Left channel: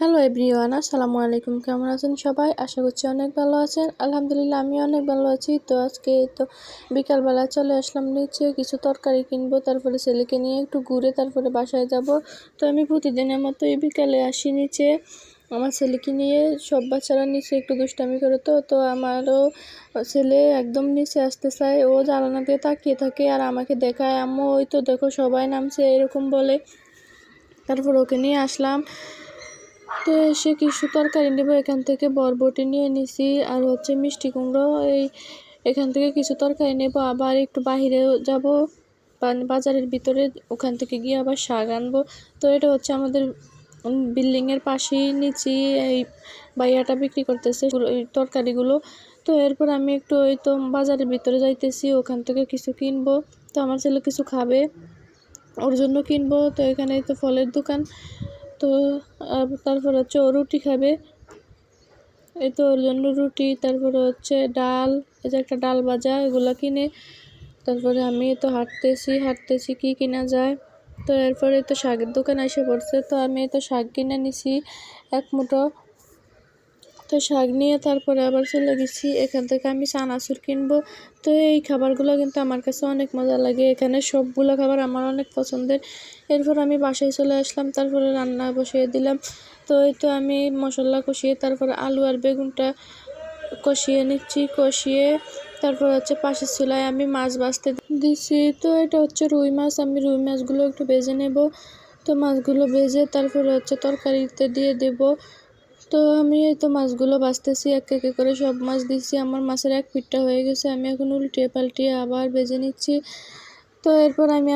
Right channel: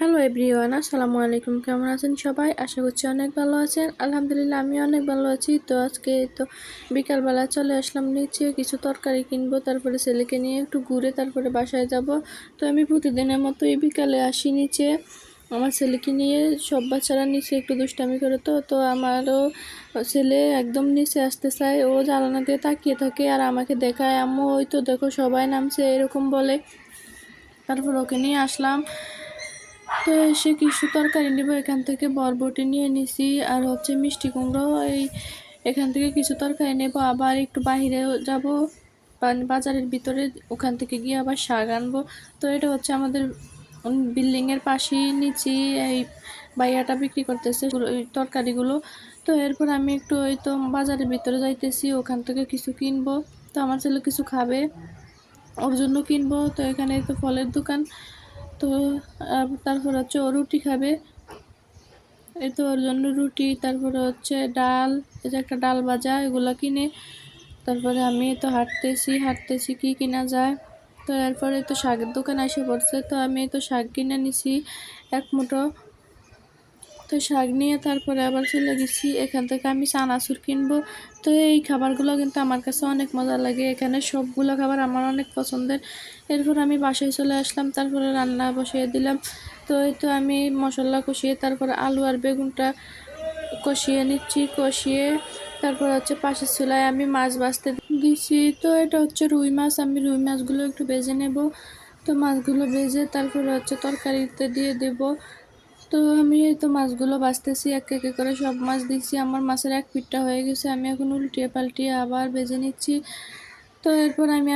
Hello everyone, আসসালামু আলাইকুম। কেমন আছেন সবাই? আশা করছি অনেক ভালো আছেন। আলহামদুলিল্লাহ আমি অনেক ভালো আছি। তো আজকে বিকালবেলা চলে আসলাম নিচে, কিছু তরকারি কিনবো, তারপরে ছেলেকে নিয়ে একটু ঘুরে তারপরে বাসায় যাব। তো আমি প্রতিদিনের মতোই বিকালে আসি নিচে, আমার ছেলেকে নিয়ে। সব বাচ্চারা নিচে একটু দুষ্টামি করে, তো আমারও ছেলে একদম নিচে আসতে চায়। ও জানালা দিয়ে তাকিয়ে থাকে আর আমাকে দেখায়, আম্মু ওই তো দেখো সবাই নামছে, এরকম বলে। তারপর ওকে নিয়ে আসলাম। তো এসে কিছু তরকারি নেবো, এখান থেকে বরবটি নিয়ে নিছি আর মিষ্টি কুমড়ো। এখান থেকে কিছু তরকারি নেব, আবার একটু বাহিরে যাব বাজারের ভিতরে, ওখান থেকে গিয়ে আবার শাক আনবো। তো এটা আমাদের বিল্ডিংয়ের পাশেই নিচে এই বাইয়াটা বিক্রি করতেছে এই তরকারিগুলো। তো এরপর আমি একটু বাজারের ভিতরে যাইতেছি, ওখান থেকে কিছু কিনবো। তো আমার ছেলে কিছু খাবে, ওর জন্য কিনবো। তো এখানে ফলের দোকান। তো তারপর ও রুটি খাবে, এই তো ওর জন্য রুটি, তারপরে ডাল, এই যে একটা ডাল ভাজা, এগুলা কিনে তারপরে আমি হাঁটতেছি কি কিনা যায়। তো এরপরে শাকের দোকান এসে পড়ছে, তো আমি শাক কিনে নিছি এক মুঠো। তো শাক নিয়ে তারপরে আবার চলে গেছি, এখান থেকে আমি চানাচুর কিনবো। তো এই খাবারগুলো কিন্তু আমার কাছে অনেক মজা লাগে, এখানে সবগুলো খাবার আমার অনেক পছন্দের। এরপর আমি বাসায় চলে আসলাম, তারপরে রান্না বসিয়ে দিলাম। তো আমি মশলা কষিয়ে তারপরে আলু আর বেগুনটা কষিয়ে নিচ্ছি, কষিয়ে তারপর পাশের চুলায় আমি মাছ ভাজতে দিছি। তো এটা রুই মাছ, আমি রুই মাছগুলো একটু ভেজে নেব। তো মাছগুলো ভেজে তারপরে তরকারিতে দিয়ে দেব। তো আমি মাছগুলো ভাজতেছি, এক এক করে সব মাছ দিচ্ছি। আমার মাছের এক পিঠটা হয়ে গেছে, আমি এখন উল্টিয়ে পাল্টিয়ে আবার ভেজে নিচ্ছি। তো এরপর আমি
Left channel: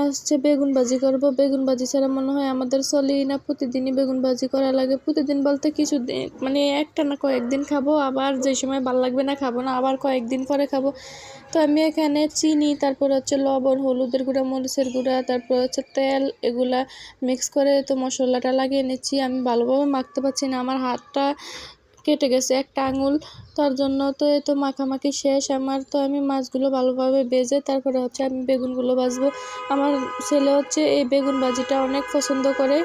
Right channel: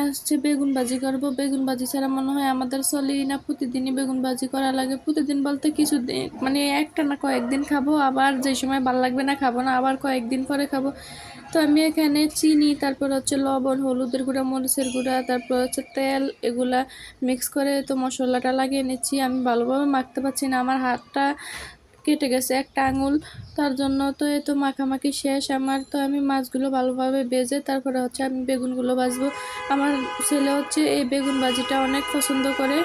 বেগুন ভাজি করব। বেগুন ভাজি ছাড়া মনে হয় আমাদের চলেই না, প্রতিদিনই বেগুন ভাজি করা লাগে। প্রতিদিন বলতে কিছুদিন, মানে একটা না কয়েকদিন খাবো, আবার যে সময় ভালো লাগবে না খাবো না, আবার কয়েকদিন পরে খাবো। তো আমি এখানে চিনি, তারপর লবণ, হলুদের গুঁড়া, মরিচের গুঁড়া, তারপর তেল, এগুলা মিক্স করে মশলাটা লাগিয়ে নিচ্ছি। আমি ভালোভাবে মাখতে পারছি না, আমার হাতটা কেটে গেছে একটা আঙুল, তার জন্য। তো মাখামাখি শেষ আমার। তো আমি মাছগুলো ভালোভাবে ভেজে তারপরে আমি বেগুনগুলো ভাজবো। আমার ছেলে এই বেগুন ভাজিটা অনেক পছন্দ করে।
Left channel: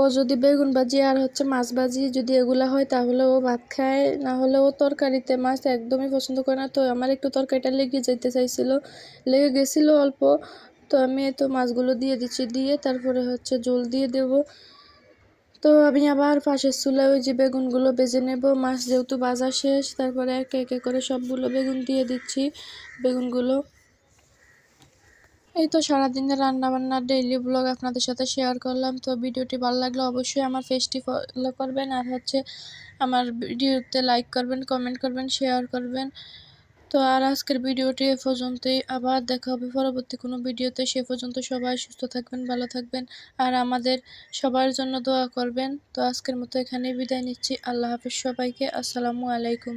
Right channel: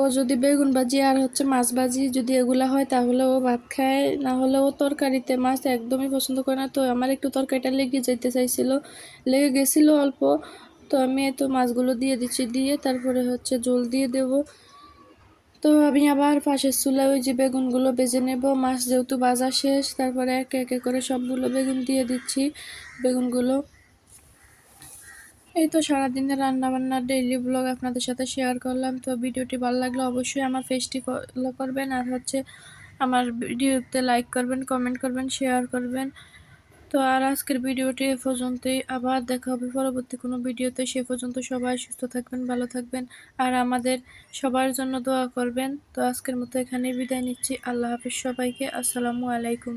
ও যদি বেগুন ভাজি আর মাছ ভাজি যদি এগুলা হয় তাহলে ও ভাত খায়, না হলে ও তরকারিতে মাছ একদমই পছন্দ করে না। তো আমার একটু তরকারিটা লেগে গেছিলো অল্প। তো আমি মাছগুলো দিয়ে দিচ্ছি, দিয়ে তারপরে ঝোল দিয়ে দেব। তো আমি আবার পাশের চুলায় ওই যে বেগুনগুলো ভেজে নেব। মাছ যেহেতু ভাজা শেষ, তারপরে একে একে করে সবগুলো বেগুন দিয়ে দিচ্ছি বেগুনগুলো। এই তো সারাদিনের রান্নাবান্নার ডেইলি ব্লগ আপনাদের সাথে শেয়ার করলাম। তো ভিডিওটি ভালো লাগলে অবশ্যই আমার পেজটি ফলো করবেন, আর আমার ভিডিওতে লাইক করবেন, কমেন্ট করবেন, শেয়ার করবেন। তো আর আজকের ভিডিওটি এ পর্যন্তই, আবার দেখা হবে পরবর্তী কোনো ভিডিওতে। সে পর্যন্ত সবাই সুস্থ থাকবেন, ভালো থাকবেন, আর আমাদের সবার জন্য দোয়া করবেন। তো আজকের মতো এখানেই বিদায় নিচ্ছি। আল্লাহ হাফিজ সবাইকে। আসসালামু আলাইকুম।